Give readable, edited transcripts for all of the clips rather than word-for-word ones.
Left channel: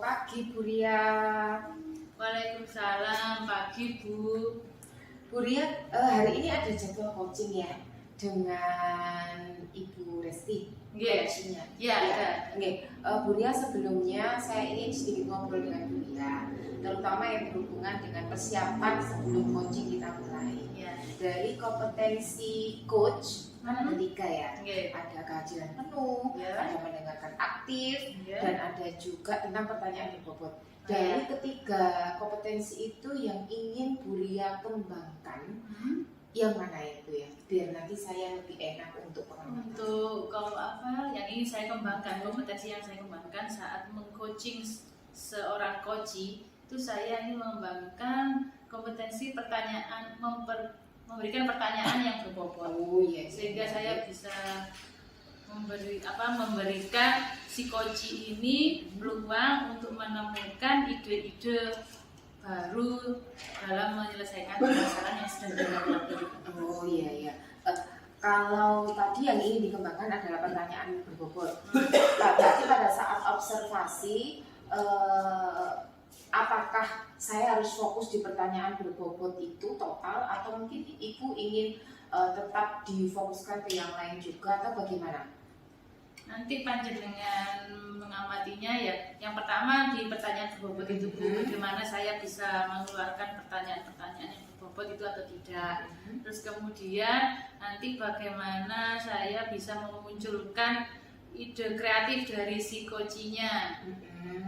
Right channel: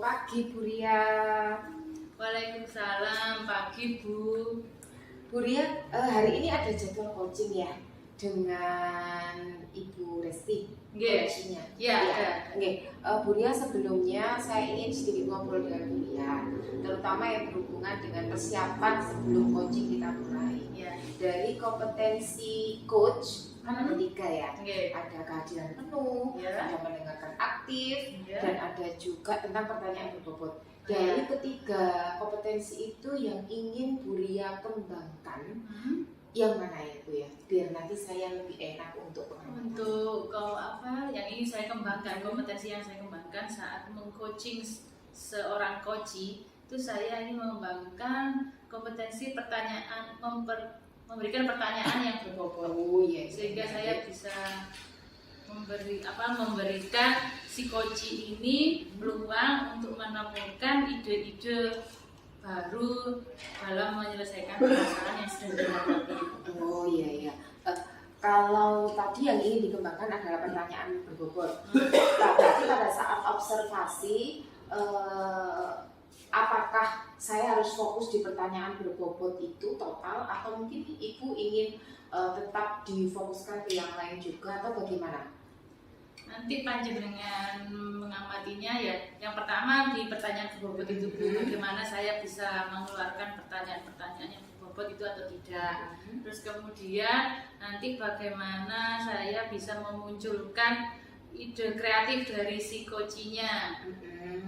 Pagi Bu Ria. Waalaikumsalam, pagi Bu. Bu Ria, hari ini ada jadwal coaching ya dengan Ibu Resti. Nggih. Coachingnya. Ya, ada. Oke. Bu Ria, sebelumnya saya ingin sedikit ngobrol dengan Bu Ria, terutama yang berhubungan dengan persiapan sebelum coaching kita mulai. Ya. Dari kompetensi coach kan ada 3 ya. Nggih. Ada kehadiran penuh, Ya. ada mendengarkan aktif, Ya. dan ada juga tentang pertanyaan berbobot. Dari ketiga kompetensi itu yang ingin Bu Ria kembangkan, yang mana ya Bu ya? Biar nanti saya lebih enak untuk pengamatan. Untuk kalau apa yang ingin saya kembangkan, kompetensi yang saya kembangkan saat mengcoaching seorang coach itu saya ingin mengembangkan kompetensi pertanyaan, memberikan pertanyaan yang berbobot. Oh iya. Sehingga saya bisa memberikan si coach ini peluang untuk menemukan ide-ide baru dalam menyelesaikan permasalahan yang sedang dihadapi. Oh iya. Kalau tadi yang ingin dikembangkan adalah pertanyaan berbobot. Berarti pada saat observasi, apakah saya harus fokus di pertanyaan berbobot itu total, atau mungkin Ibu ingin tetap difokuskan ke yang lain juga, atau bagaimana? Nanti panjenengan mengamatinya ya. Yang pertama di pertanyaan berbobot itu Bu, bagaimana saya bisa mengeluarkan pertanyaan-pertanyaan yang berbobot itu atau tidak. Terus kemudian nanti bagaimana saya bisa memunculkan ide kreatif dari si coaching-nya.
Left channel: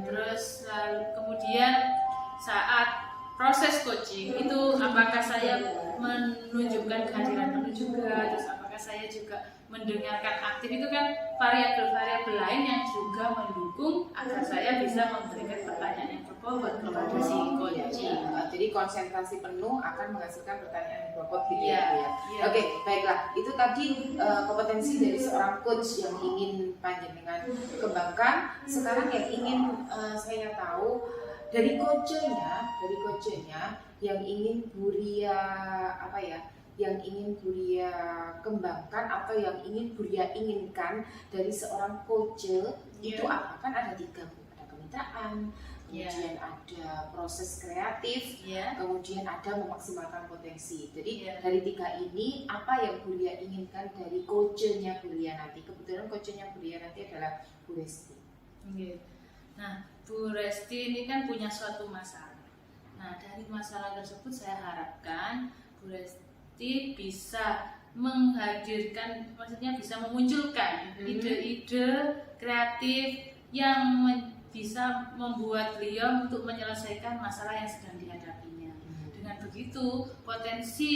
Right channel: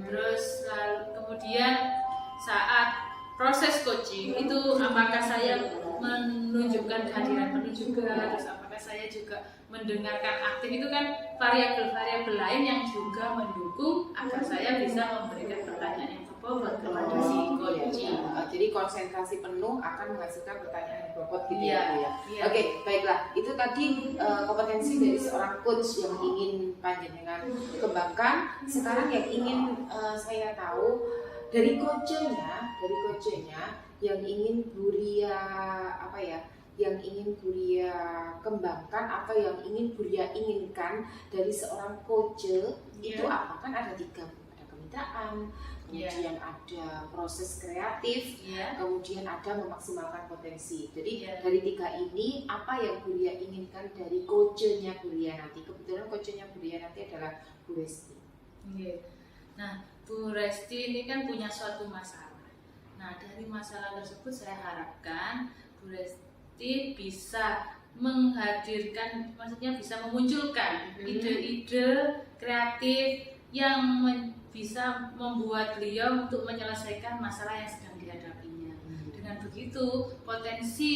Terus lalu kemudian saat proses coaching itu apakah saya menunjukkan kehadiran penuh juga, terus apakah saya juga mendengarkan aktif, itu kan variabel-variabel lain yang juga mendukung agar saya bisa memberikan pertanyaan yang berbobot kepada si coaching. Jadi konsentrasi penuh akan menghasilkan pertanyaan yang berbobot gitu ya Bu ya. Iya. Oke, baiklah. Itu tadi kompetensi dari seorang coach yang ingin panjenengan kembangkan. Sekarang yang ingin saya tahu dari coachnya yang ingin Bu Ria yang ingin Bu Ria kembangkan atau yang ingin Bu Ria inginkan dari seorang coach itu apa? Kan ada 3, ada kemitraan, kemudian ada proses kreatif, kemudian ada memaksimalkan potensi. Jadi dari 3 ini apa yang Bu Ria inginkan dari coachnya Bu Ria nanti? Kebetulan coachnya Bu Ria nanti adalah Bu Resti. Nah, Bu Resti ini kan punya suatu masalah. Nah, dari masalah tersebut saya harapkan Bu Resti bisa menghadirkan, maksudnya bisa memunculkan ide-ide kreatif yang bisa membuat beliau untuk menyelesaikan masalah yang sedang dihadapinya. Dengan begitu, potensi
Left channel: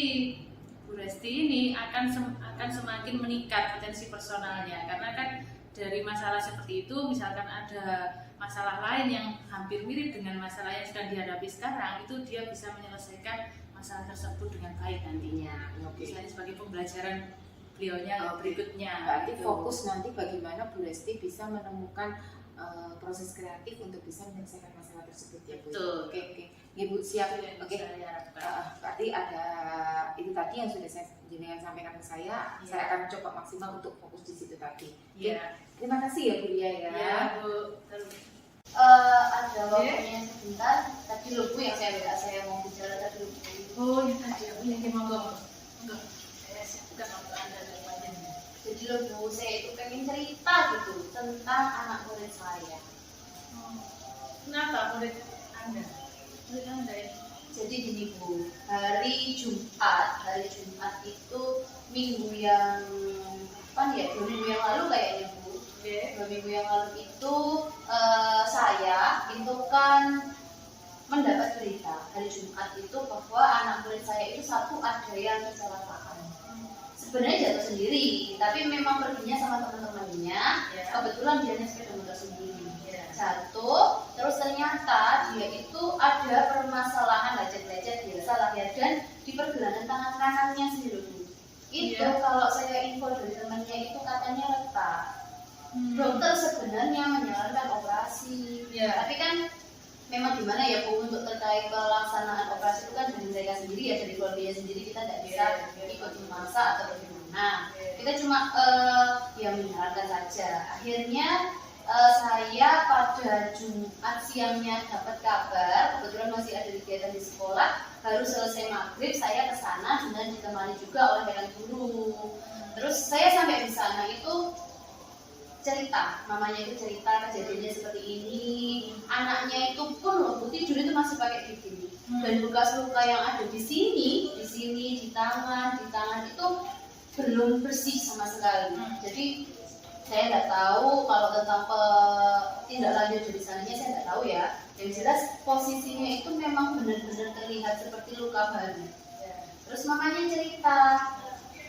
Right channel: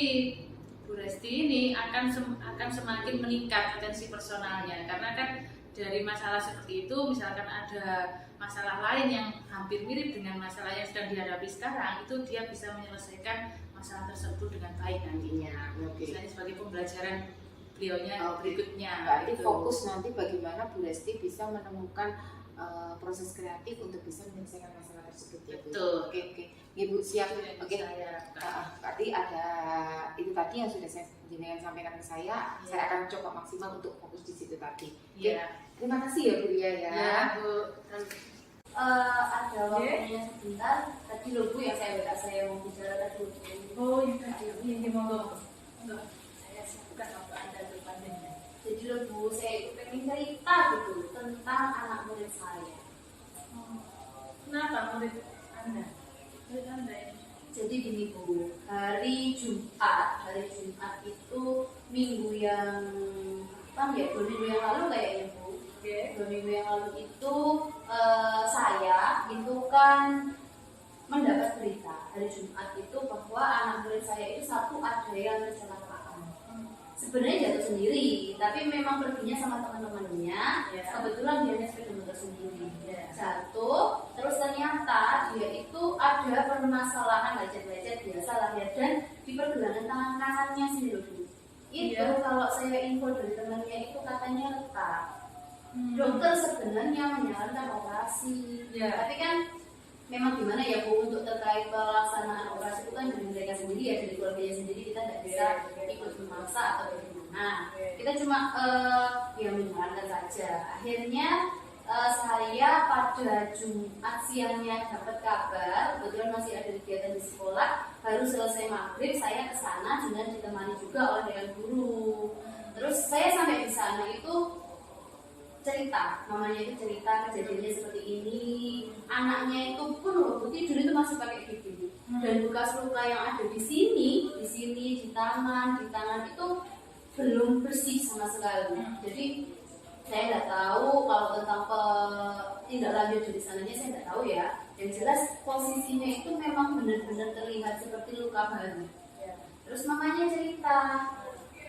Bu Resti ini akan semakin meningkat potensi personalnya, karena kan dari masalah seperti itu, misalkan ada masalah lain yang hampir mirip dengan masalah yang sedang dihadapi sekarang, itu dia bisa menyelesaikan masalah tersebut dengan baik nantinya. Misalnya sebagai pembelajaran beliaunya berikutnya. Berarti fokus nanti bagaimana Bu Resti bisa menemukan proses kreatif untuk bisa menyelesaikan masalah tersebut ya Bu. Betul. Oke. Ibu siap. Oke. Berarti ada itu tadi yang sudah saya jenengan sampaikan ke saya. Saya akan coba maksimal untuk fokus di situ tadi. Oke. Terima kasih ya Bu Ria ya. Ya Bu. Ada waktunya sebentar. Tadi loh Bu yang saya mau bicara tadi loh Bu. Oh yang tadi yang monggo. Saya siapkan waktu Anda depannya. Jadi loh Bu, saya itu pengen cerita gitu tentang anak murid saya. Kenapa murid Anda? Murid Anda ya? Jadi gini Bu, hari Jumat itu minggu yang kapan ya? 2 minggu yang lalu kayaknya Bu. 2 minggu yang lalu itu saya itu kan mendapat berita hari Jumat itu bahwa anak murid saya itu satu ada yang kecelakaan. Sebenarnya jatuh sendiri, tapi memang perginya sama teman-temannya. Kebetulan dia naik sepeda motor sendiri. Jatuh, terus ternyata dia itu ada permasalahan lecet-lecet biasa lah ya, dan di pergelangan tangan kanannya sendiri Bu. Itu kalau saya info dari temannya itu katanya retak. Dokter sebenarnya menyarankan operasi, tapi kan memang gimana ya Bu, untuk terkait pelaksanaan operasi itu kan dari mereka sendiri ya, dari keluarganya sendiri, kita tidak bisa ikut memaksa atau bagaimana. Kita cuma yang menyarankan saja. Akhirnya saya pada Jumat siangnya dapat kabar, kebetulan masih ada kegiatan di sekolah, baru selesai maghrib saya ke sana dan ditemani juga oleh yang guru. Terus saya sampai di sana itu cerita, mamanya itu cerita kejadiannya seperti ini, anaknya itu pun loh tidur itu masih pakai gigi dan bekas luka yang ada di sini, di tangan itu belum bersih sama sekali. Jadi saya nggak tahu kalau tentang tindak lanjut dari sananya, saya nggak tahu ya. Yang jelas posisinya itu memang benar-benar terlihat seperti luka baru. Terus mamanya cerita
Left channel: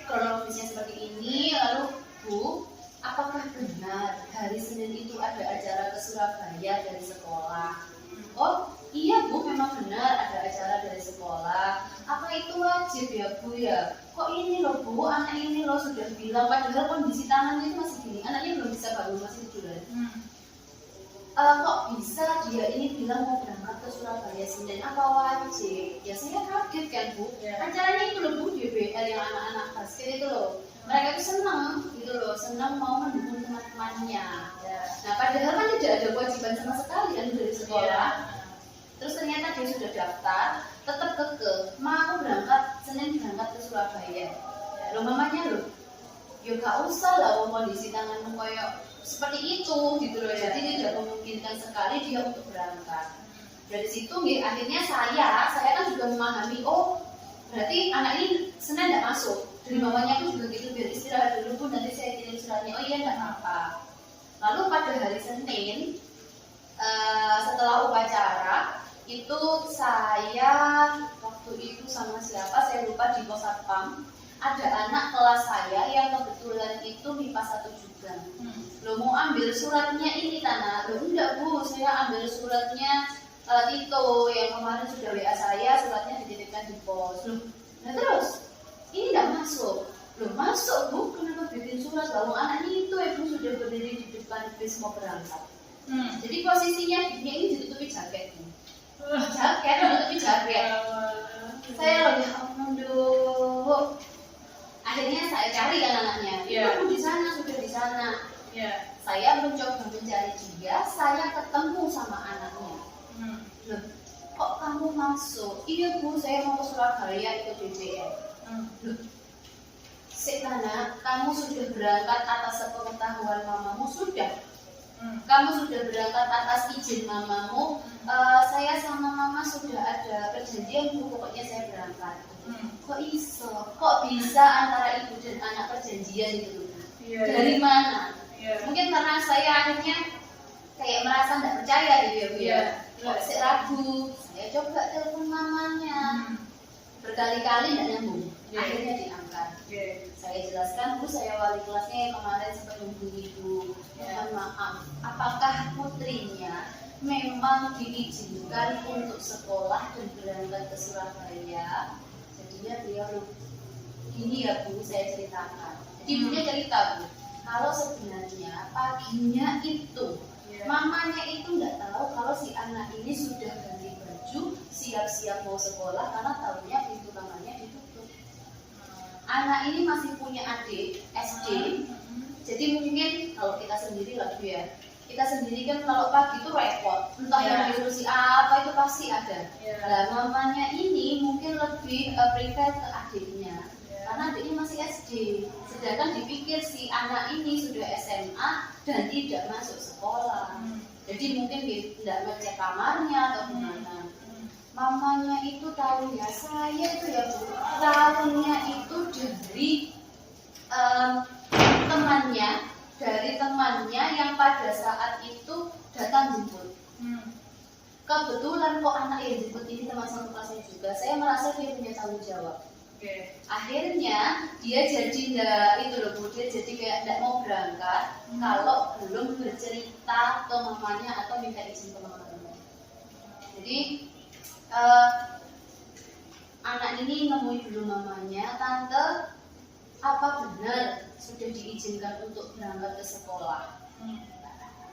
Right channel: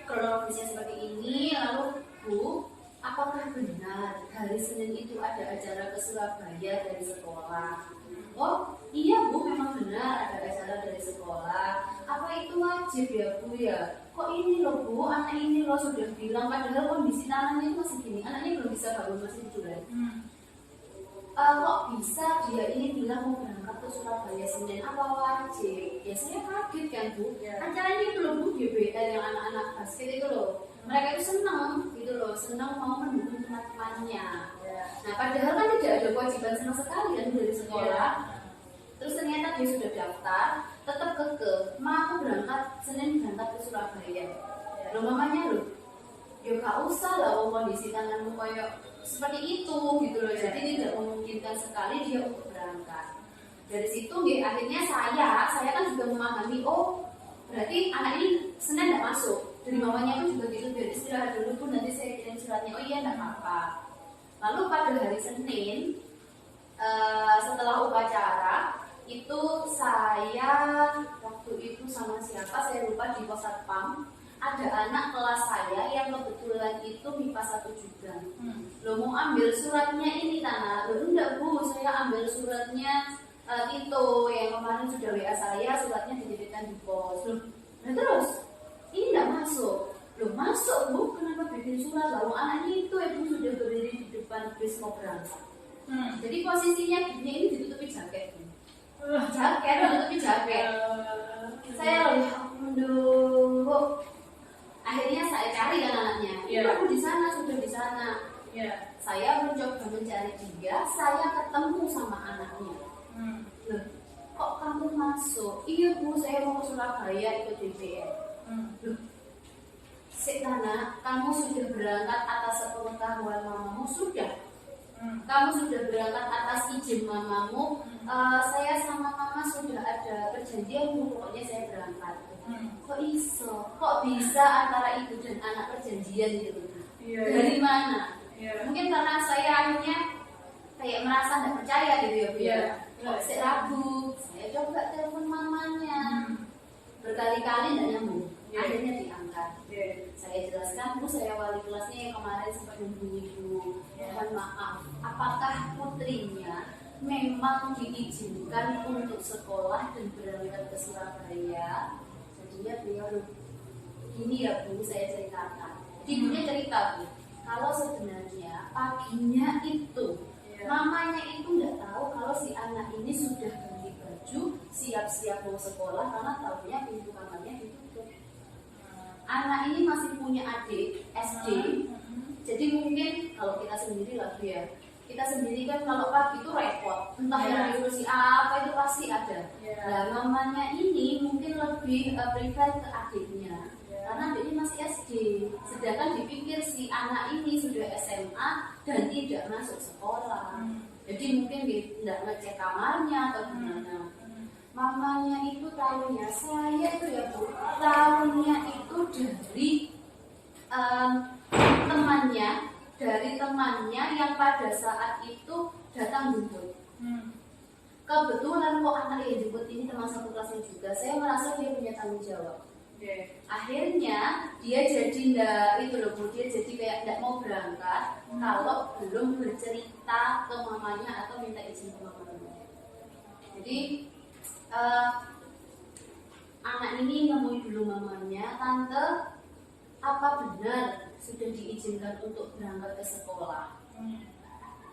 kronologisnya seperti ini, lalu Bu, apakah benar hari Senin itu ada acara ke Surabaya dari sekolah? Oh iya Bu, memang benar ada acara dari sekolah. Apa itu wajib ya Bu ya? Kok ini loh Bu, anak ini loh sudah bilang, padahal kondisi tangannya itu masih gini, anaknya belum bisa bangun, masih tiduran. Kok bisa dia ini bilang mau berangkat ke Surabaya Senin, apa wajib? Ya saya kaget kan Bu, acaranya itu loh Bu, DBL yang anak-anak basket itu loh. Mereka itu senang gitu loh, senang mau mendukung teman-temannya. Nah padahal kan tidak ada kewajiban sama sekali kan dari sekolah. Terus ternyata dia sudah daftar, tetap keke, mau berangkat Senin berangkat ke Surabaya. Loh mamanya loh, ya gak usah lah kondisi tanganmu kayak seperti itu gitu loh. Jadi tidak memungkinkan sekali dia untuk berangkat. Dari situ akhirnya saya kan juga memahami, oh berarti anak ini Senin tidak masuk. Jadi mamanya pun juga gitu, biar istirahat dulu pun nanti saya kirim suratnya. Oh iya tidak apa-apa. Lalu pada hari Senin setelah upacara itu saya waktu itu sama siapa saya lupa, di pos satpam ada anak kelas saya yang kebetulan itu MIPA 1 juga. Lo mau ambil suratnya ini Tana? Lo enggak Bu, saya ambil suratnya Tito yang kemarin sudah WA saya, suratnya dititipkan di pos. Loh, nah terus ini enggak masuk. Loh masuk Bu, kenapa bikin surat? Lalu anaknya itu Ibu sudah berdiri di depan bis mau berangkat. Jadi posisinya dia ini ditutupi jaket Bu. Ditutupi jaket. Saya lagi aduh. Akhirnya saya cari kan anaknya. Ibu di sana, sudah di sana. Saya mencoba mencari dia, saya ketemu sama anaknya. Loh, kok kamu masuk? Iya Bu, saya mau ke Surabaya ikut BBM. Loh, Tana, kamu sudah berangkat atas sepengetahuan mamamu? Sudah. Kamu sudah berangkat atas izin mamamu? Saya sama mama sudah ada perjanjian Bu, pokoknya saya berangkat. Kok iso? Kok bisa antara ibu dan anak perjanjian gitu? Dari mana? Mungkin karena saya akhirnya kayak merasa tidak percaya gitu ya Bu ya. Kok saya ragu? Saya coba telepon mamanya, berkali-kali tidak nyambung. Akhirnya diangkat. Saya jelaskan, Bu, saya wali kelasnya yang kemarin sempat menghubungi Ibu. Mohon maaf, apakah putrinya memang diizinkan untuk sekolah dan berangkat ke Surabaya? Jadinya beliau gini ya Bu, saya ceritakan. Jadi ibunya cerita Bu, kalau sebenarnya paginya itu mamanya itu nggak tahu kalau si anak ini sudah ganti baju, siap-siap mau sekolah karena tahunya pintu kamarnya ditutup. Anak ini masih punya adik SD, jadi mungkin kalau kita sendiri lagi ya, kita sendiri kan kalau pagi itu repot, entah yang diurusi apa itu pasti ada. Nah mamanya ini mungkin lebih prefer ke adiknya, karena adiknya masih SD, sedangkan dipikir si anak ini sudah SMA dan tidak masuk sekolah. Jadi mungkin tidak ngecek kamarnya atau gimana. Mamanya itu tahunya, saya itu ya Bu, tahunya itu dari temannya yang pada saat itu datang jemput. Kebetulan kok anak yang jemput ini teman satu kelasnya juga, saya merasa dia punya tanggung jawab. Akhirnya dia jadi dia jadi kayak tidak mau berangkat kalau belum bercerita ke mamanya atau minta izin ke mamanya. Jadi anak ini nemui dulu mamanya, Tante, apa benar sudah diizinkan untuk berangkat ke sekolah?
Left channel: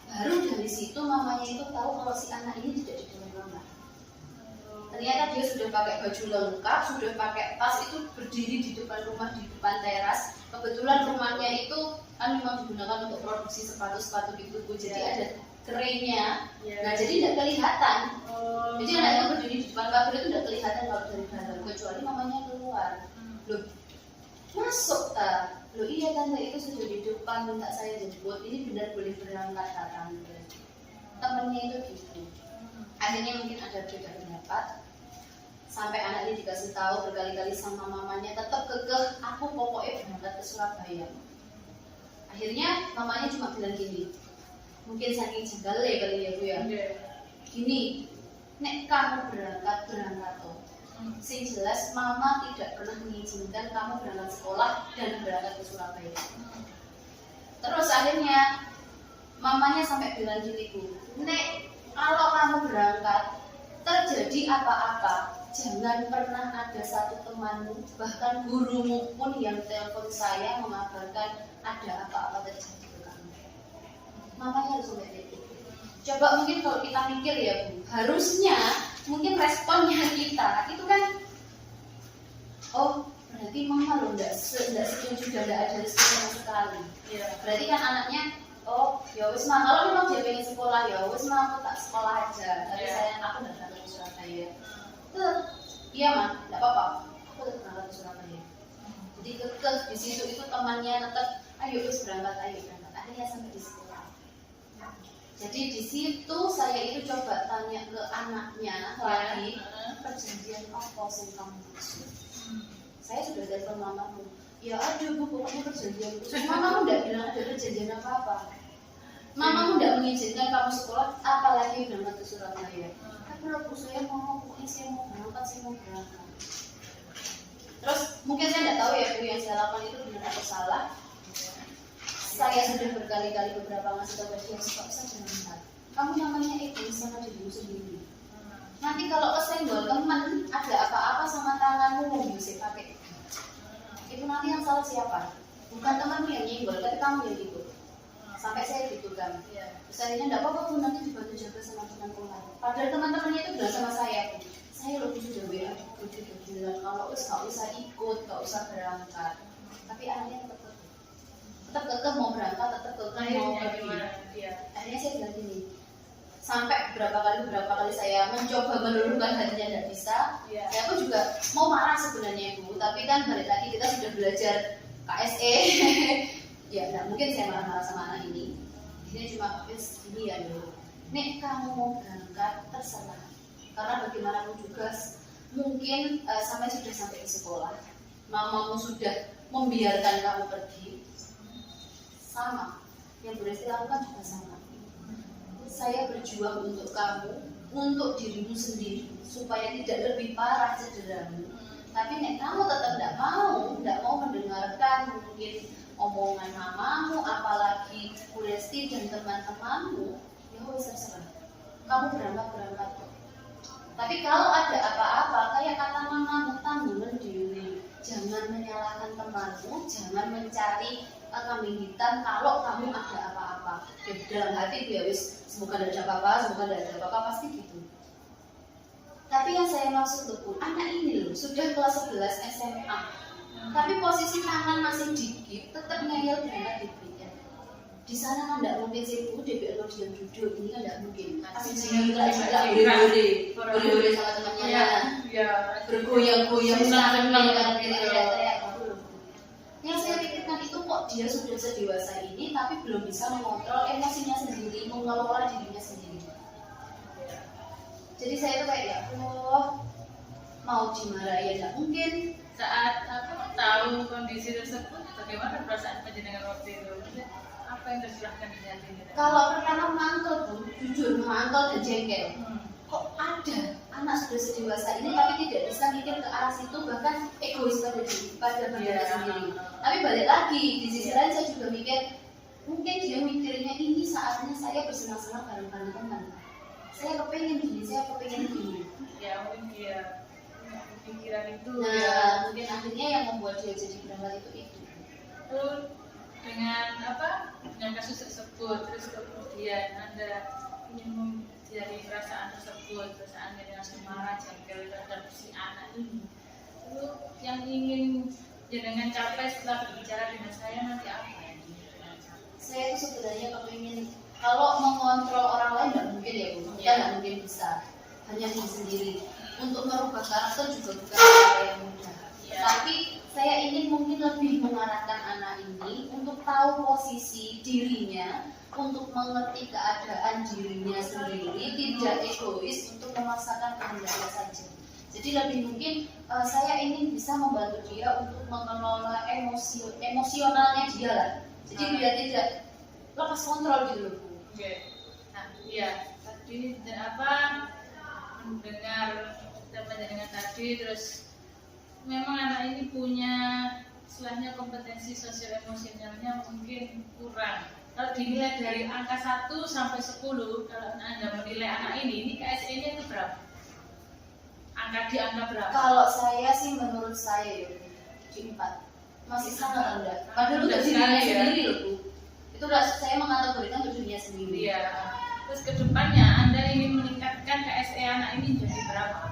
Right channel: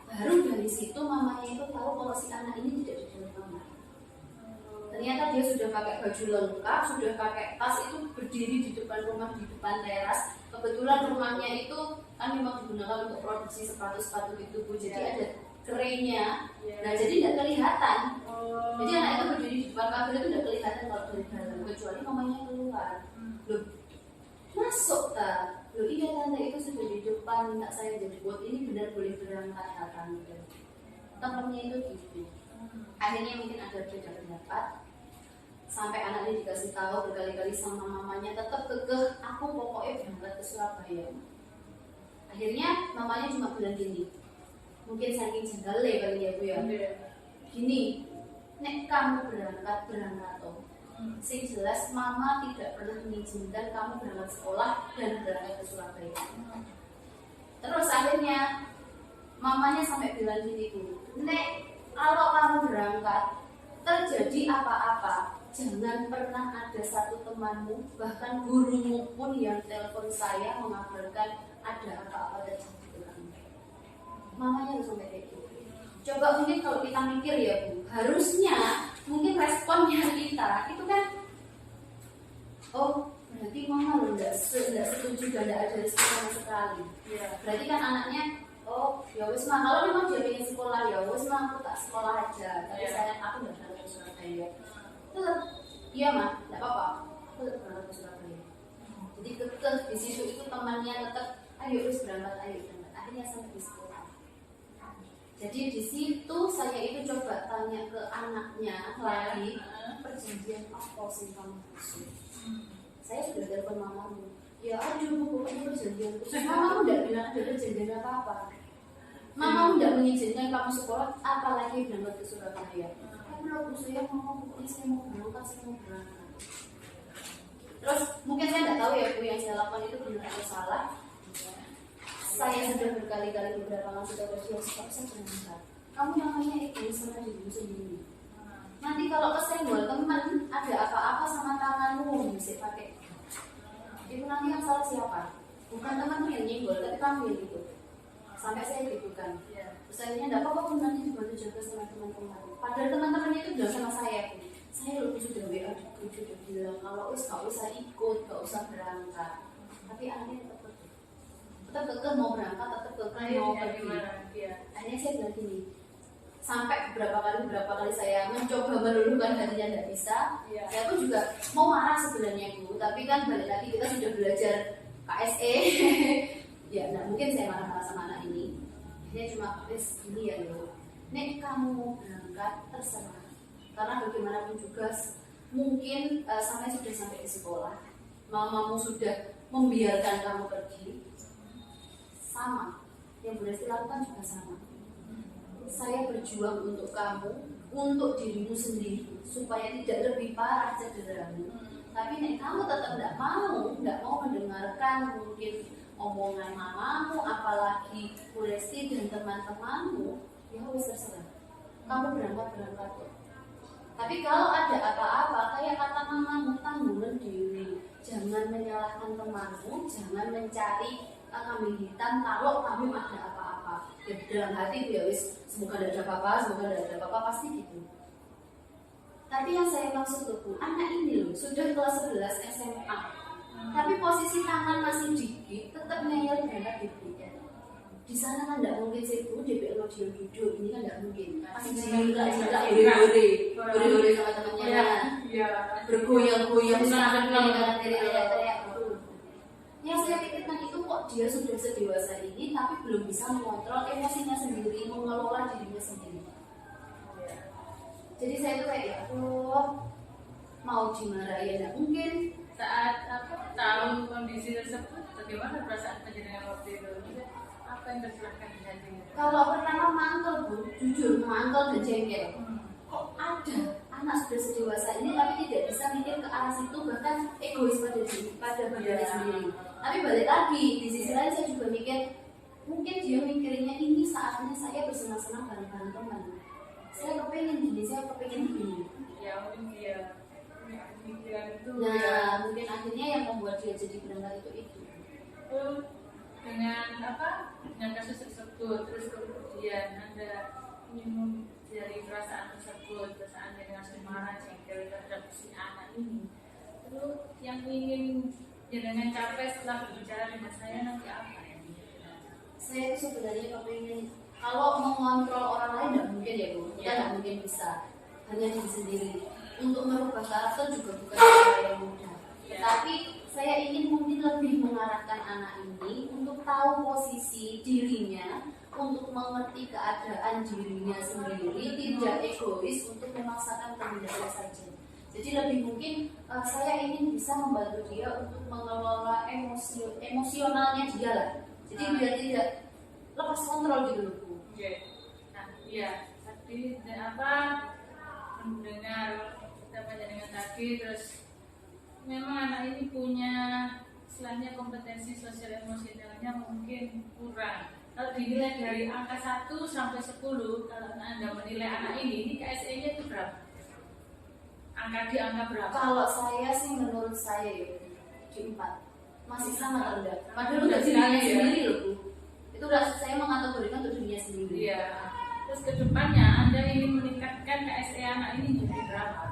Baru dari situ mamanya itu tahu kalau si anak ini tidak diboleh mama. Ternyata dia sudah pakai baju lengkap, sudah pakai tas, itu berdiri di depan rumah, di depan teras, Kebetulan rumahnya itu kan memang digunakan untuk produksi sepatu-sepatu gitu Bu, jadi ada kerennya. Nah jadi tidak kelihatan. Jadi anak itu berdiri di depan pagar itu tidak kelihatan kalau dari dalam, kecuali mamanya keluar. Loh, masuk tak? Loh iya tante, itu sudah di depan, minta saya jemput. Ini benar boleh berangkat tak tante? Temennya itu gitu. Akhirnya mungkin ada beda pendapat. Sampai anak ini dikasih tahu berkali-kali sama mamanya, tetap kekeh, aku pokoknya berangkat ke Surabaya. Akhirnya mamanya cuma bilang gini, mungkin saking jengkel kali ya Bu ya. Gini, nek kamu berangkat toh. Sing jelas mama tidak pernah mengizinkan kamu berangkat sekolah dan berangkat ke Surabaya. Terus akhirnya mamanya sampai bilang gini Bu, nek kalau kamu berangkat terjadi apa-apa, jangan pernah ada satu temanmu, bahkan gurumu pun yang telepon saya mengabarkan ada apa-apa terjadi ke kamu. Mamanya harus sampai kayak gitu. Coba mungkin kalau kita mikir ya Bu, harusnya mungkin responnya kita itu kan, oh berarti mama lo nggak setuju dan nggak ada rezeki sama sekali. Berarti kan anaknya, oh ya wis mah, kalau memang dia pengen sekolah ya wis mah aku tak sekolah aja, tapi aku nggak berangkat ke Surabaya. Iya mah, nggak apa-apa, aku tetap berangkat ke Surabaya. Jadi kekeh di situ itu temannya tetap, ayo wis berangkat. Akhirnya sampai di sekolah. Jadi di situ saya itu coba tanya ke anaknya lagi, perjanjian apa sih kamu maksud? Saya sudah telepon mamamu. Ya aduh Bu, pokoknya perjanjian. Terus mamamu tidak bilang ada perjanjian apa-apa. Mamamu tidak mengizinkan kamu sekolah, apalagi berangkat ke Surabaya. Tapi kalau saya mau, pokoknya saya mau berangkat. Terus mungkin saya tidak tahu ya Bu, yang saya lakukan itu benar atau salah. Saya sudah berkali-kali beberapa ngasih tahu dia, kok saya berangkat. Kamu namanya egois sama dirimu sendiri. Nanti kalau kesenggol teman, ada apa-apa sama tanganmu, mesti pakai. Itu nanti yang salah siapa? Bukan temanmu yang nyenggol, tapi kamu yang ikut. Sampai saya gitu kan. Terus akhirnya enggak apa-apa, nanti dibantu jaga sama teman-teman. Padahal teman-temannya itu bilang sama saya, saya loh sudah WA, sudah bilang kalau gak usah ikut, gak usah berangkat. Tapi anaknya tetap kekeh mau berangkat, tetap kekeh mau pergi. Akhirnya saya bilang gini, sampai beberapa kali saya mencoba meluluhkan hatinya tidak bisa. Saya pun juga mau marah sebenarnya Bu, tapi kan balik lagi kita sudah belajar KSE. Ya nggak mungkin saya marah-marah sama anak ini. Akhirnya cuma gini ya loh, nek kamu mau berangkat terserah, karena bagaimanapun juga mungkin sudah sampai di sekolah, mamamu sudah membiarkan kamu pergi. Sama, yang Bu Resti lakukan juga sama. Saya berjuang untuk kamu, untuk dirimu sendiri, supaya tidak lebih parah cederamu. Tapi nek kamu tetap tidak mau mendengarkan mungkin omongan mamamu, apalagi Bu Resti dan teman-temanmu, ya wis terserah. Kamu berangkat kok. Tapi kalau ada apa-apa, kayak kata mamamu, tanggungan diri. Jangan menyalahkan temanmu, jangan mencari kambing hitam kalau kamu ada apa-apa. Ya, dalam hati ya wis, semoga tidak ada apa-apa, pasti gitu. Tapi yang saya maksud tuh Bu, anak ini loh sudah kelas 11 SMA, tapi posisi tangan masih dikit, tetap ngeyel berangkat DPR. Di sana kan tidak mungkin sih Bu, DPR mau diam duduk, ini kan tidak mungkin. Pasti juga hore-hore sama temannya, bergoyang-goyang senang-senang teriak-teriak. Yang saya pikirkan itu kok dia sudah sedewasa ini tapi belum bisa mengontrol emosinya sendiri, mengelola dirinya sendiri. Jadi saya itu kayak ya Allah, mau dimarahin ya mungkin. Saat tahu kondisi tersebut, bagaimana perasaan penjenengan waktu itu? Apa yang tercerahkan di hatinya? Kalau pertama mangkel Bu, jujur mangkel dan jengkel. Kok ada anak sudah sedewasa ini tapi tidak bisa mikir ke arah situ, bahkan egois pada badannya sendiri. Tapi balik lagi, di sisi lain saya juga mikir, mungkin dia mikirnya ini saatnya saya bersenang-senang bareng-bareng teman. Saya kepengen gini. Ya mungkin dia pikiran itu. Nah mungkin akhirnya yang membuat dia jadi berangkat itu. Dengan dengan kasus tersebut, terus kemudian Anda ingin dari perasaan tersebut, perasaan yang langsung marah, jengkel terhadap si anak ini, itu yang ingin jenengan capai setelah berbicara dengan saya nanti apa ya? Saya itu sebenarnya kepingin kalau mengontrol orang lain nggak mungkin ya Bu, kita nggak mungkin bisa, hanya diri sendiri. Untuk merubah karakter juga bukan hal yang mudah. Tapi saya ingin mungkin lebih mengarahkan anak ini untuk tahu posisi dirinya, untuk mengerti keadaan dirinya sendiri, tidak egois untuk memaksakan kehendaknya saja. Jadi lebih mungkin saya ingin bisa membantu dia untuk mengelola emosionalnya dia lah. Jadi biar tidak lepas kontrol gitu loh Bu. Oke. Nah, iya tadi mendengar temannya dengan tadi, terus memang anak ini punya istilahnya kompetensi sosial emosionalnya mungkin kurang. Kalau dinilai dari angka 1 sampai 10, kalau Anda menilai anak ini KSE-nya itu berapa? Di angka berapa? Kalau saya sih menurut saya ya di 4 masih sangat rendah. Padahal Rendah udah dirinya sekali ya. sendiri loh Bu. Itu udah saya mengategorikan untuk dirinya sendiri. Iya. Terus kedepannya Anda ingin meningkatkan KSE anak ini jadi berapa?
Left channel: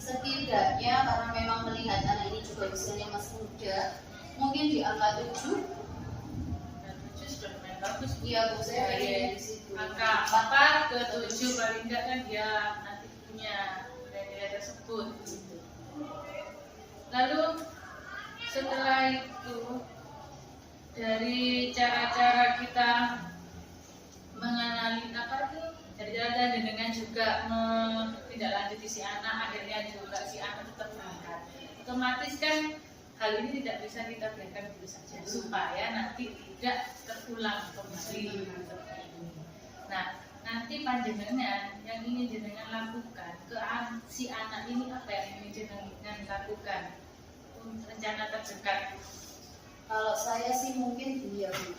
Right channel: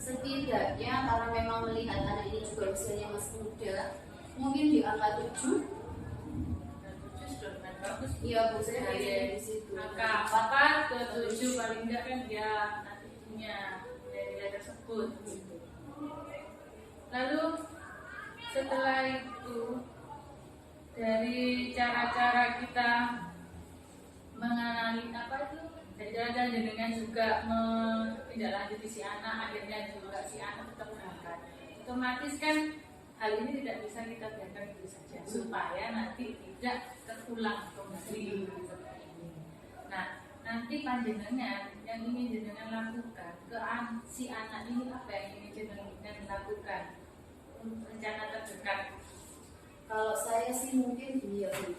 Setidaknya karena memang melihat anak ini juga usianya masih muda, mungkin di angka 7. Dan 7 sudah lumayan bagus. Iya Bu, saya Dari pengen di situ. angka 4 ke 7 paling enggak kan dia nanti punya nilai tersebut. Lalu setelah itu dari cara-cara kita mengenali dari cara dengan juga menindaklanjuti si anak, akhirnya juga si anak tetap berangkat. Otomatis kan hal ini tidak bisa kita biarkan begitu saja supaya nanti tidak terulang kembali seperti ini. Nah, nanti panjenengan yang ingin jenengan lakukan ke si anak ini, apa yang ingin jenengan lakukan untuk rencana terdekat? Kalau saya sih mungkin iya Bu.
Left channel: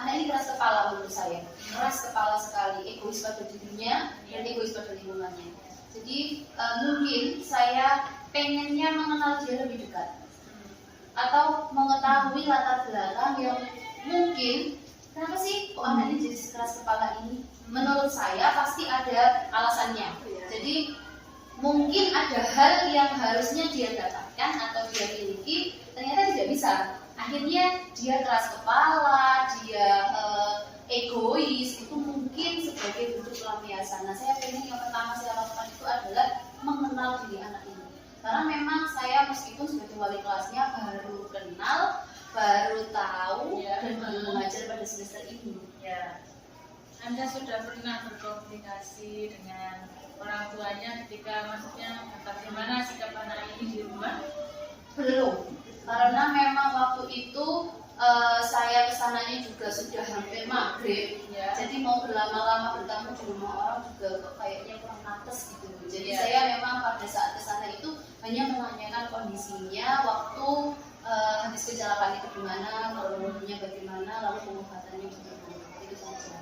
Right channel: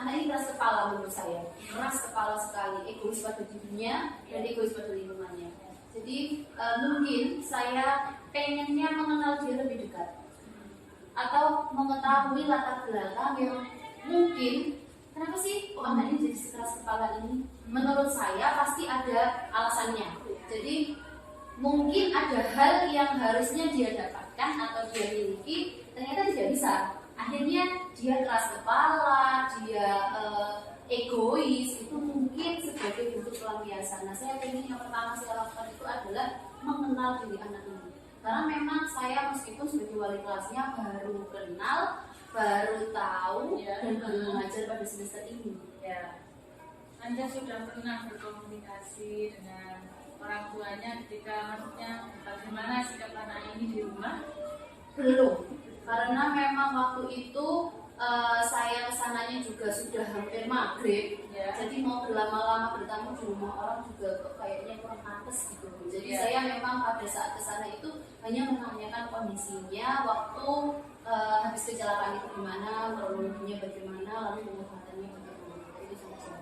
Anak ini keras kepala menurut saya, keras kepala sekali, egois pada dirinya dan egois pada lingkungannya. Jadi mungkin saya pengennya mengenal dia lebih dekat, atau mengetahui latar belakang yang mungkin kenapa sih kok anak ini jadi keras kepala ini. Menurut saya pasti ada alasannya. Jadi mungkin ada hal yang harusnya dia dapatkan atau dia miliki ternyata tidak bisa. Akhirnya dia keras kepala, dia egois, itu mungkin sebagai bentuk pelampiasan. Nah, saya pengen yang pertama saya lakukan itu adalah mengenal diri anak ini. Karena memang saya meskipun sebagai wali kelasnya baru kenal, baru tahu dan baru mengajar pada semester ini. Ya, Anda sudah pernah berkomunikasi dengan orang tuanya ketika maksudnya bagaimana sikap anak ini di rumah? Belum, karena memang waktu itu saya kesananya juga sudah hampir maghrib, Ya. jadi mau berlama-lama bertamu di rumah orang juga kok kayaknya kurang pantas gitu. Jadi Ya. saya memang pada saat kesana itu hanya menanyakan kondisinya waktu habis kecelakaan itu gimana, kronologinya bagaimana, lalu pengobatannya bagaimana, itu saja.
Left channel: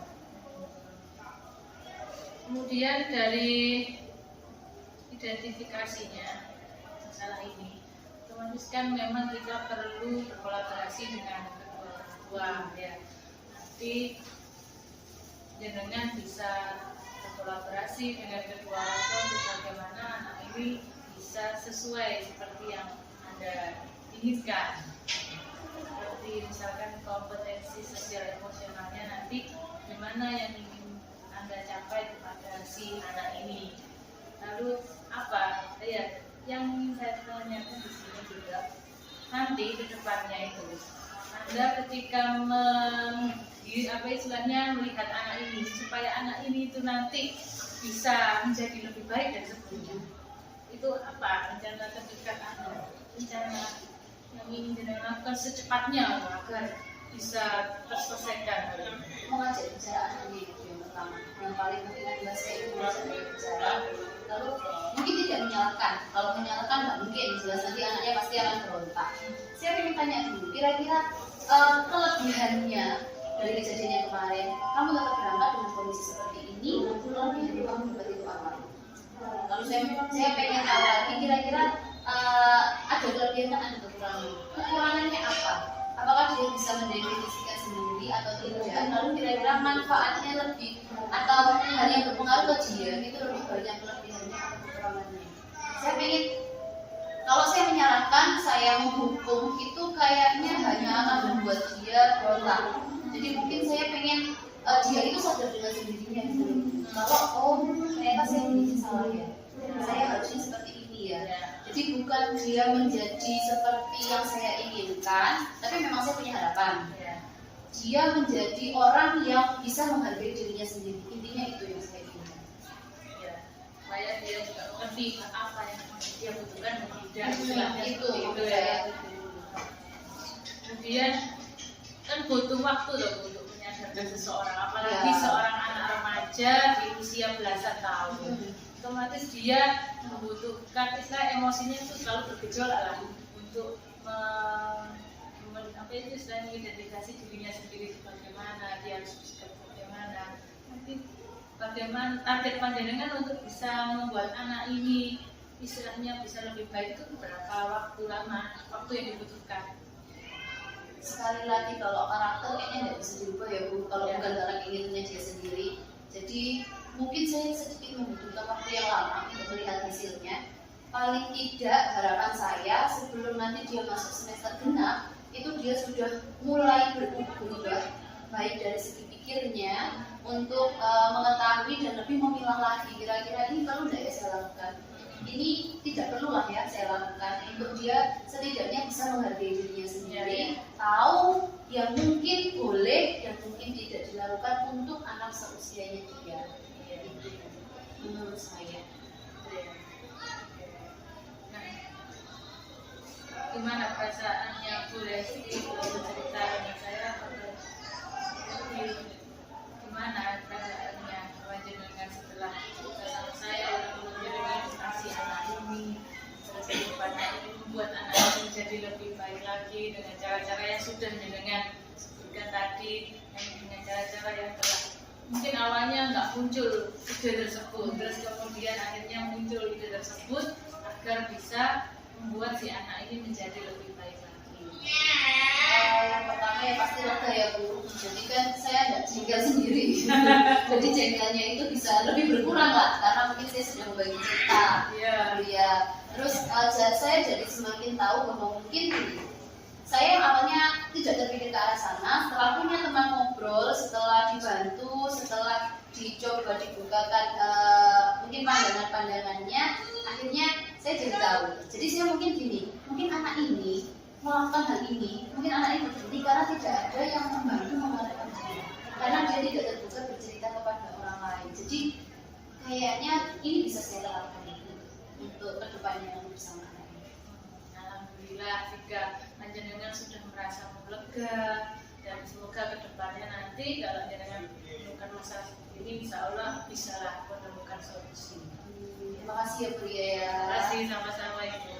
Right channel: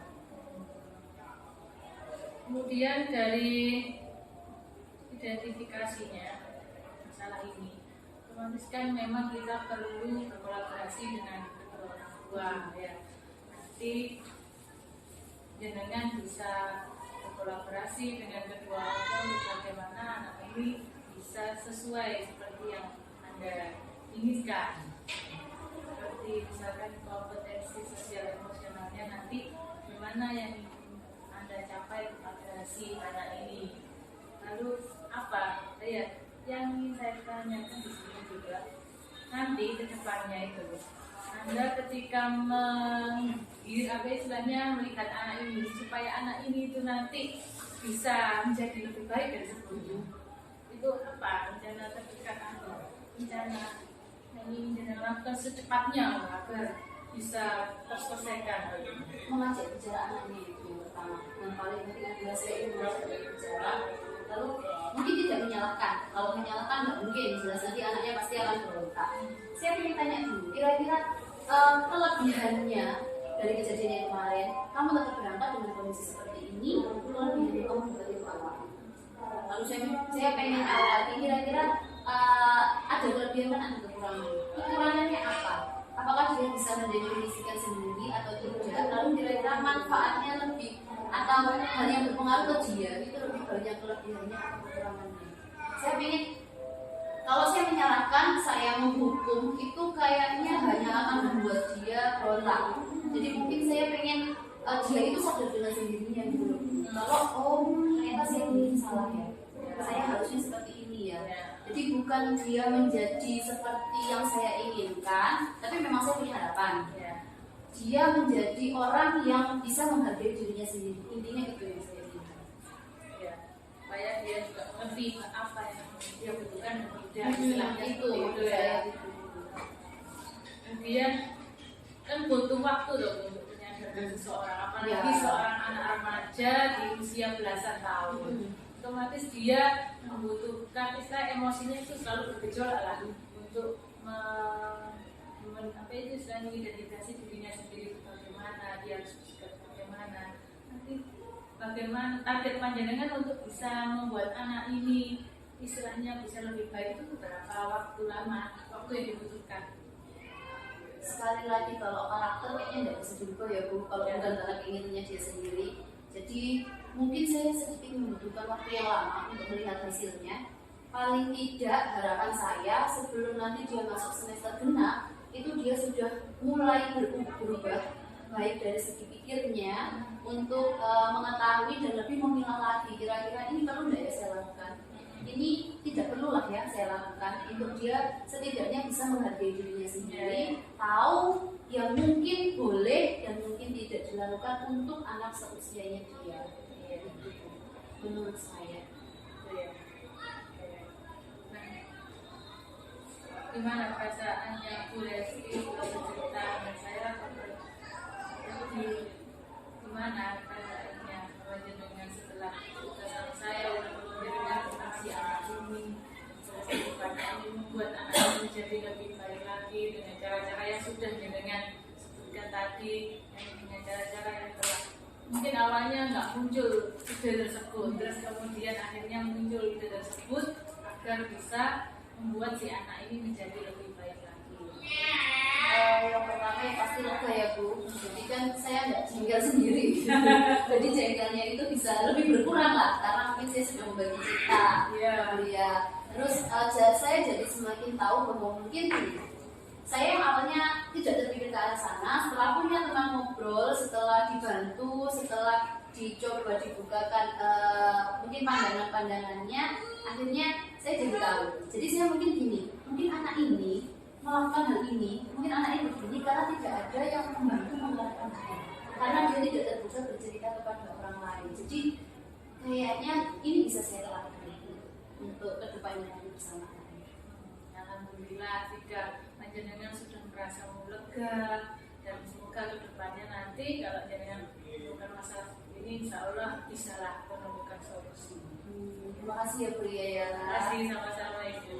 Kemudian dari identifikasinya masalah ini, otomatis kan memang kita perlu berkolaborasi dengan kedua orang tua ya. Nanti jenengan bisa berkolaborasi dengan kedua orang tua untuk bagaimana anak ini bisa sesuai seperti yang Anda inginkan. Seperti misalkan kompetensi sosial emosionalnya nanti gimana yang ingin Anda capai kepada si anak ini. Lalu apa? Ya, yang ingin saya tanyakan di sini juga nanti ke depannya itu Anda ketika melihat anak ini supaya anak ini itu nanti bisa menjadi lebih baik dari sebelumnya, itu apa rencana terdekat Anda, rencana yang ingin dilakukan secepatnya agar bisa terselesaikan? Mengajak bicara anak ini itu yang pertama, yang paling penting adalah saya ingin mengajak dia bicara. Lalu mungkin tidak menyalahkan, kalau menyalahkan nggak mungkin, jelas nanti anaknya pasti akan berontak. Saya ingin tanya dulu, kira-kira kelebihannya dari kejadian yang kemarin, kamu tetap berangkat dengan kondisi seperti ini, kelebihan kamu seperti itu apa? Lalu saya pengen tahu lagi, kira-kira ada kelebihan dan ada kekurangan. Kekurangannya apa? Apakah dia bisa mendefinisikan sendiri atau tidak? Lalu kira-kira manfaatnya lebih atau hal yang berpengaruh ke dia itu lebih banyak kelebihannya atau kekurangannya? Saya pengen Kalau saya menyarankan, saya menghukum itu kayaknya hanya akan membuat dia berontak. Jadi mungkin saya pengen dia itu sadar dengan sendirinya gitu. Kalau ternyata saya ini salah ya, saya harusnya seperti ini ya. Jadi bukan dia menjadi seperti yang saya inginkan, tapi memang saya punya harapan. Dia menjadi orang yang bisa menghargai dirinya sendiri. Intinya itu yang saya inginkan. Supaya dia juga mengerti apa yang dia butuhkan dan tidak, istilahnya itu seperti itu ya. Kemudian kan butuh waktu loh untuk menyadarkan seseorang, apalagi seorang anak remaja di usia belasan tahun. Otomatis dia membutuhkan istilah emosinya itu selalu bergejolak lah untuk apa itu istilahnya mengidentifikasi dirinya sendiri itu bagaimana, dia harus bersikap bagaimana. Nanti bagaimana target panjenengan untuk bisa membuat anak ini istilahnya bisa lebih baik itu berapa waktu lama, waktu yang dibutuhkan? Sekali lagi kalau karakter kayaknya tidak bisa dirubah ya Bu, kalau bukan karena keinginannya dia sendiri. Jadi mungkin saya sedikit membutuhkan waktu yang lama untuk melihat hasilnya. Paling tidak harapan saya sebelum nanti dia masuk semester genap itu dia sudah mulai berubah, baik dari segi pikirnya untuk mengetahui dan lebih memilah lagi kira-kira ini perlu tidak ya saya lakukan, ini tidak perlu lah ya saya lakukan, untuk dia setidaknya bisa menghargai dirinya sendiri, tahu yang mungkin boleh dan mungkin tidak dilakukan untuk anak seusianya dia. Itu menurut saya. Gimana perasaannya Bu Resti kalau bercerita dengan saya? Gimana perasaannya dengan setelah cerita sama saya dengan tentang si anak ini, terus kedepannya ini membuat anak ini menjadi lebih baik lagi dengan cara-cara yang sudah dengan sebutkan tadi, yang dengan cara-cara yang telah mungkin awalnya nggak muncul ide tersebut, terus kemudian akhirnya muncul ide tersebut agar bisa membuat si anak ini menjadi lebih baik lagi. Yang pertama ya pasti lega ya Bu. Jadi kan saya nggak jengkel sendiri. Jadi jengkelnya itu bisa lebih berkurang lah karena mungkin saya sudah membagi cerita. Ya. Terus saya jadi semakin tahu bahwa mungkin saya awalnya tidak terpikir ke arah sana. Setelah punya teman ngobrol, setelah dibantu, setelah dicoba dibukakan mungkin pandangan-pandangannya, akhirnya saya jadi tahu. Jadi saya mungkin gini, mungkin anak ini melakukan hal ini, mungkin anak ini begini karena tidak ada yang membantu mengarahkan dia, karena dia tidak terbuka bercerita kepada orang lain. Jadi kayaknya ini bisa saya lakukan untuk kedepannya bersama anak ini. Alhamdulillah jika panjenengan sudah merasa lega, dan semoga kedepannya nanti kalau panjenengan menemukan masalah seperti ini, insya Allah bisalah menemukan solusi. Terima kasih ya Bu Ria ya. Terima kasih, sama-sama Ibu.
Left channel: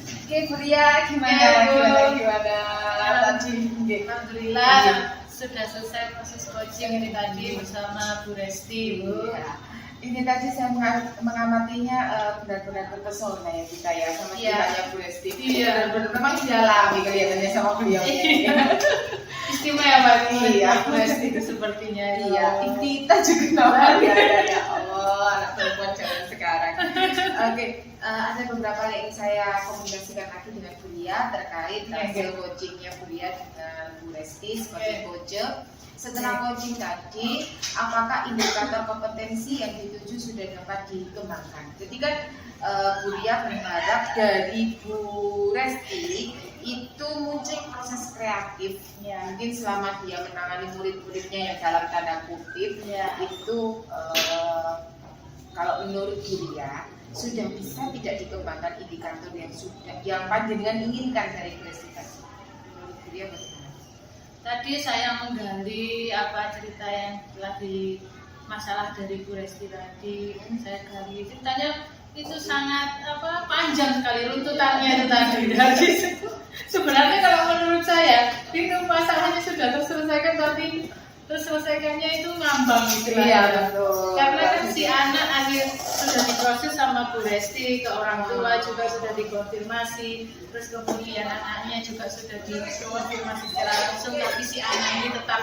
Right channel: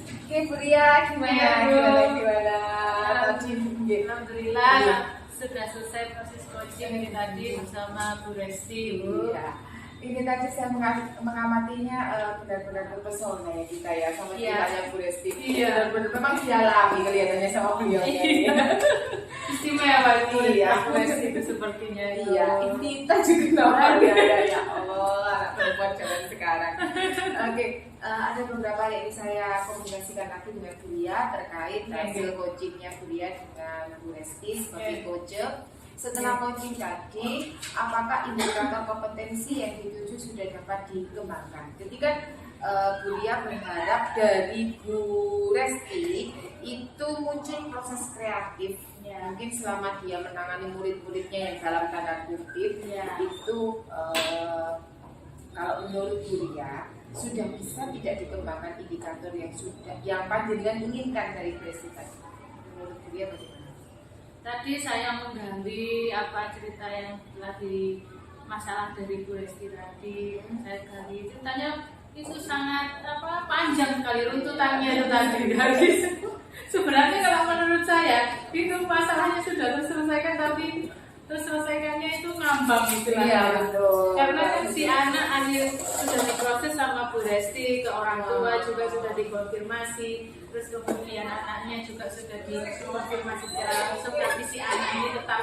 Oke Bu Ria, gimana? Tadi Alhamdulillah sudah selesai proses coaching ini tadi bersama Bu Resti Bu. Ini tadi saya mengamatinya benar-benar terpesona ya kita ya sama ceritanya Bu Resti. Benar-benar memang didalami kelihatannya sama beliau. Istimewa Bu Resti itu sepertinya. Iya, kita juga namanya ya Allah, anak perempuan zaman sekarang. Oke, ada beberapa yang ingin saya komunikasikan lagi dengan Bu Ria terkait hasil coachingnya Bu Ria dengan Bu Resti sebagai coach. Setelah coaching tadi, apakah indikator kompetensi yang dituju sudah dapat dikembangkan? Jadi kan Bu Ria berharap dari Bu Resti itu muncul proses kreatif, mungkin selama dia menangani murid-muridnya yang dalam tanda kutip itu kalau menurut Bu Ria sudah bisa tidak dikembangkan indikator yang panjenengan inginkan dari Bu Resti tadi. Menurut Bu Ria bagaimana? Tadi saya menggali apa cerita yang telah di masalah dari Bu Resti tadi. Saya gali ceritanya itu sangat panjang sekali runtutannya itu tadi. Jadi sebenarnya kalau menurut saya itu masalahnya sudah terselesaikan, tapi terselesaikannya itu ngambang gitu Iya, betul. Karena kan si anak akhir sudah diproses sama Bu Resti, ke orang tua juga sudah dikonfirmasi, terus kemudian anaknya juga sudah dikonfirmasi secara langsung, tapi si anak ini tetap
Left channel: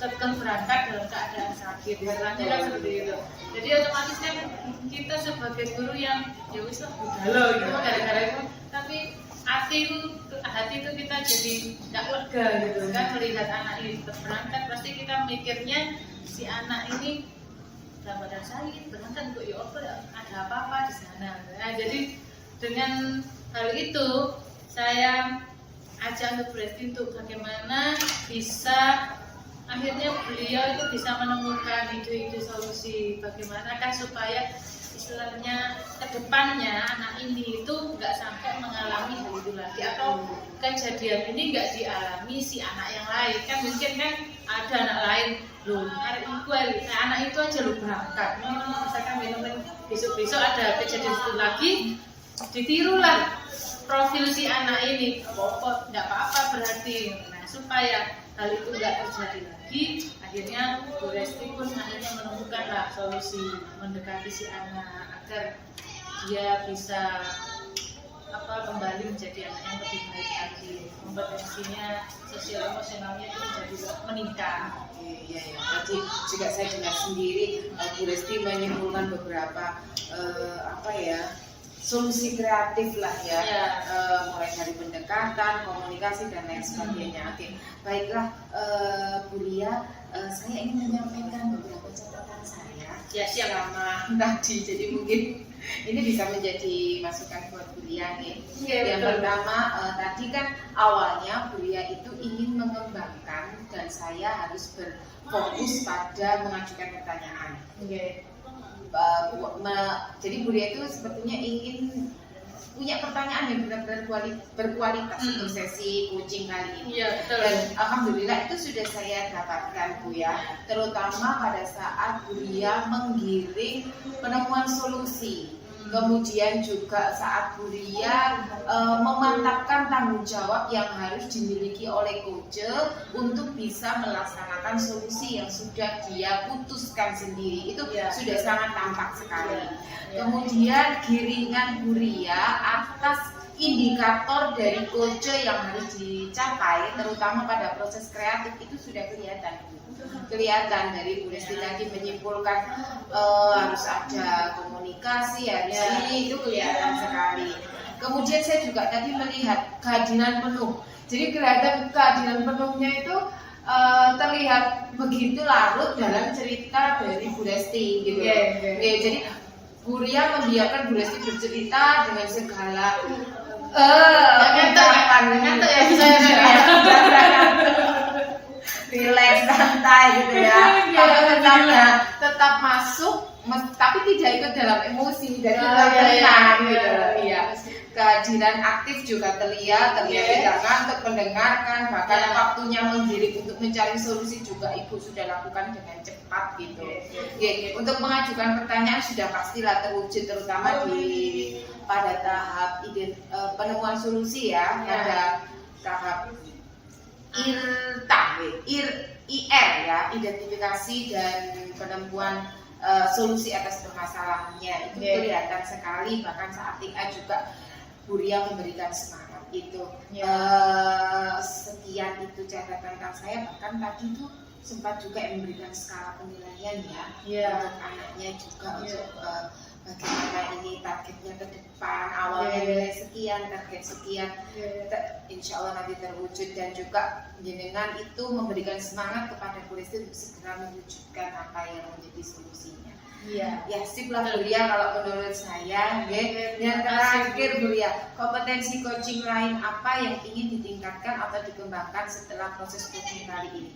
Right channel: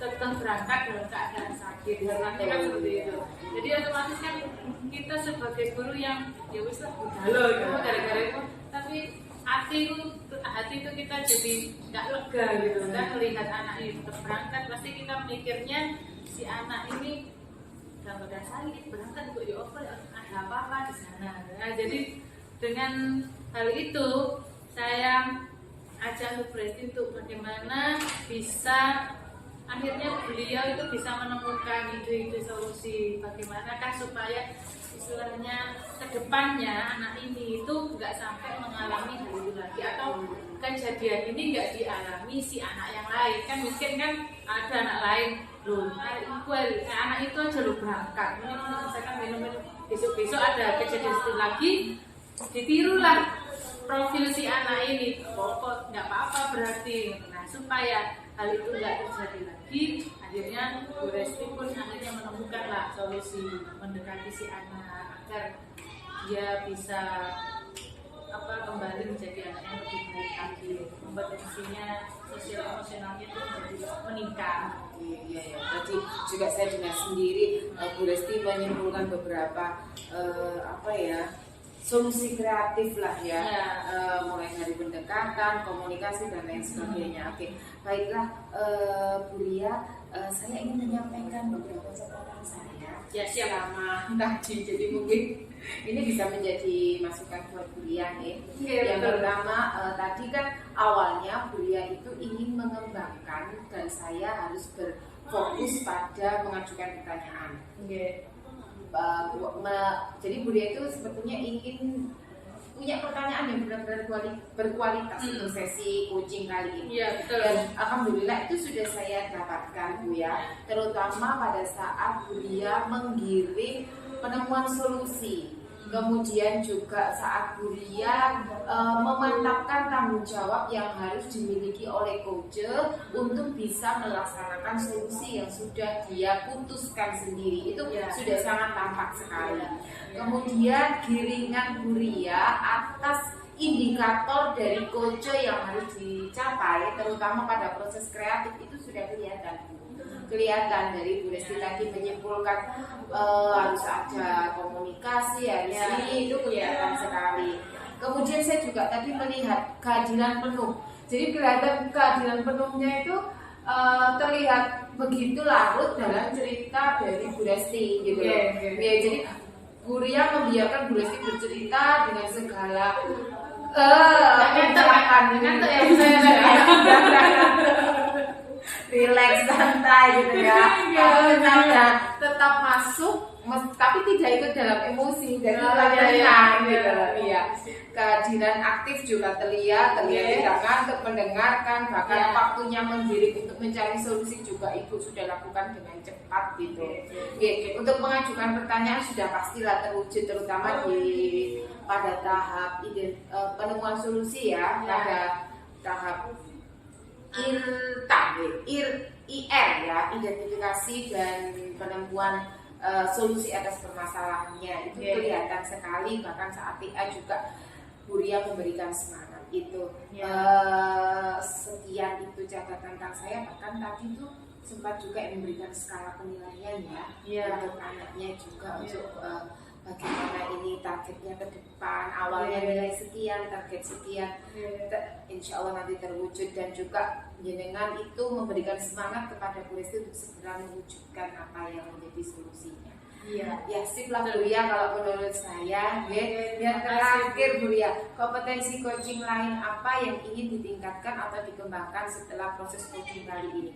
tetap berangkat dalam keadaan sakit. Harusnya kan seperti itu. Jadi otomatis kan kita sebagai guru yang ya wis lah budalo gitu gara-gara itu, tapi hati itu kita jadi nggak lega gitu kan melihat anak ini tetap berangkat. Pasti kita mikirnya si anak ini dalam badan sakit berangkat kok ya apa ada apa-apa di sana. Nah, jadi dengan hal itu saya ajak untuk Resti untuk bagaimana bisa akhirnya beliau itu bisa menemukan ide-ide solusi bagaimanakah supaya istilahnya kedepannya anak ini itu nggak sampai mengalami hal itu lagi, atau kejadian ini nggak dialami si anak yang lain. Kan mungkin kan ada anak lain loh, anak itu aja lo berangkat, misalkan minum besok ada kejadian itu lagi, ditirulah profil si anak ini, pokok nggak apa-apa berarti. Nah, supaya hal itu nggak terjadi lagi, akhirnya Bu Resti pun akhirnya menemukanlah solusi mendekati si anak agar dia bisa kembali menjadi anak yang lebih baik lagi, kompetensinya sosial emosionalnya itu menjadi meningkat. Iya ya, tadi juga saya dengar sendiri Bu Resti menyimpulkan beberapa solusi kreatif lah ya, mulai dari pendekatan, komunikasi dan lain sebagainya. Oke, baiklah Bu Lia, saya ingin menyampaikan beberapa catatan saya selama tadi, jadi mungkin ini bisa menjadi masukan buat Bu Lia nih. Yang pertama tadi kan awalnya Bu Lia itu ingin mengembangkan dan saya harus berfokus pada mengajukan pertanyaan. Jadi Bu Lia itu sepertinya ingin punya pertanyaan yang benar-benar berkualitas untuk sesi coaching kali ini. Dan alhamdulillah itu sudah saya dapatkan Bu ya, terutama pada saat Bu Lia menggiring penemuan solusi. Kemudian juga saat Bu Lia memantapkan tanggung jawab yang harus dimiliki oleh coach untuk bisa melaksanakan solusi yang sudah dia putuskan sendiri. Itu sudah sangat tampak sekali. Kemudian giringan Bu Lia atas indikator dari coach yang harus dicapai, terutama pada proses kreatif itu sudah kelihatan dari Bu Resti tadi menyimpulkan harus ada komunikasi, harus ini, itu kelihatan sekali. Kemudian saya juga tadi melihat kehadiran penuh. Jadi kelihatan kehadiran penuhnya itu terlihat begitu larut dalam cerita dari Bu Resti gitu. Jadi Bu Lia membiarkan Bu Resti bercerita dengan segala relax, santai gitu ya. Kalau tetap masuk, tapi tidak ikut dalam emosi dan tenang gitu. Kehadiran aktif juga terlihat tidak ngantuk mendengarkan, bahkan waktunya menggiring untuk mencari solusi juga Ibu sudah lakukan dengan cepat gitu. Untuk mengajukan pertanyaan sudah pastilah terwujud, terutama pada tahap penemuan solusi ya, pada tahap IR ya, identifikasi dan penemuan solusi atas permasalahannya. Itu kelihatan sekali, bahkan saat TA juga Bu Lia memberikan semangat itu. Sekian itu catatan tentang saya, bahkan tadi tuh sempat juga memberikan skala penilaian ya untuk anaknya juga, untuk bagaimana ini targetnya ke depan, awalnya nilai sekian, target sekian, insya Allah nanti terwujud. Dan juga jenengan itu memberikan semangat kepada Bu Resti untuk segera mewujudkan apa yang menjadi solusinya. Ya sip lah Bu Lia kalau menurut saya. Yang terakhir Bu Lia, kompetensi coaching lain apa yang ingin ditingkatkan atau dikembangkan setelah proses coaching kali ini?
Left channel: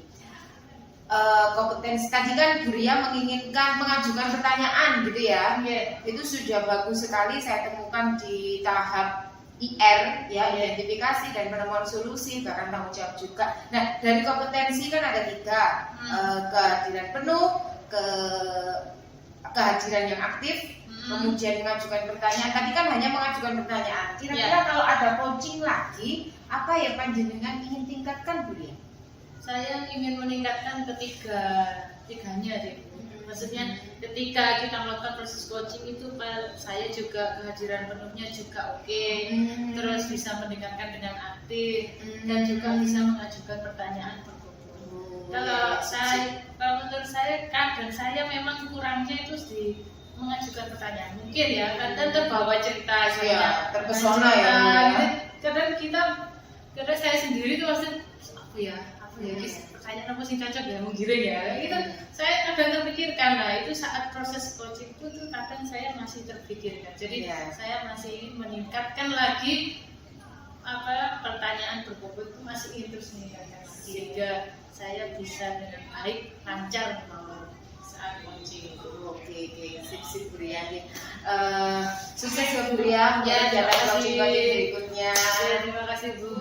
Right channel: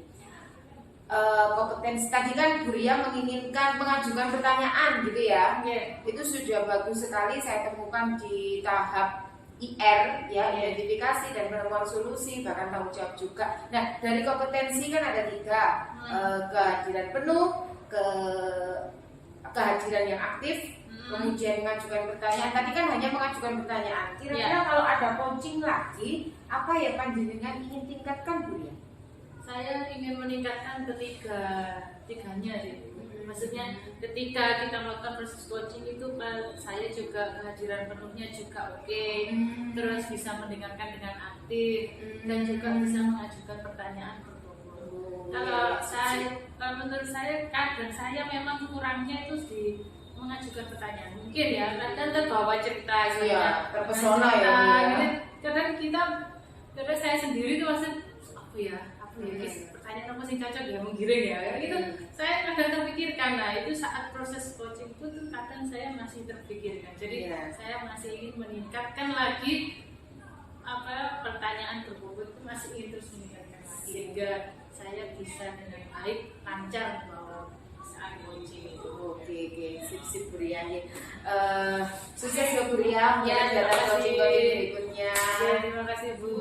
Kompetensi tadi kan Bu Lia menginginkan mengajukan pertanyaan gitu ya. Itu sudah bagus sekali, saya temukan di tahap IR ya, identifikasi dan penemuan solusi, bahkan tanggung jawab juga. Nah, dari kompetensi kan ada 3, kehadiran penuh, kehadiran yang aktif, kemudian mengajukan pertanyaan. Tadi kan hanya mengajukan pertanyaan. Kira-kira kalau ada coaching lagi, apa ya panjenengan ingin tingkatkan Bu Lia? Saya ingin meningkatkan ketiganya deh. Maksudnya ketika kita melakukan proses coaching itu saya juga kehadiran penuhnya juga terus bisa mendengarkan dengan aktif dan juga bisa mengajukan pertanyaan berkumpul. Kalau kalau menurut saya kadang saya memang kurangnya itu di mengajukan pertanyaan, mungkin ya kadang terbawa cerita, Iya, terpesona ya, Bu, ya. gitu. Kadang saya sendiri tuh masih apa ya pertanyaan apa sih cocok ya menggiring ya gitu. Saya kadang terpikirkan, nah itu saat proses coaching itu tuh kadang saya masih terpikirkan, jadi saya masih ingin meningkatkan lagi pertanyaan berbobot itu, masih ingin terus meningkatkan lagi sehingga saya bisa dengan baik lancar mau saat coaching. Oke, sip Bu Riani. Sukses ya Bu Riani Ya, terima kasih. coaching berikutnya. Terima kasih Bu.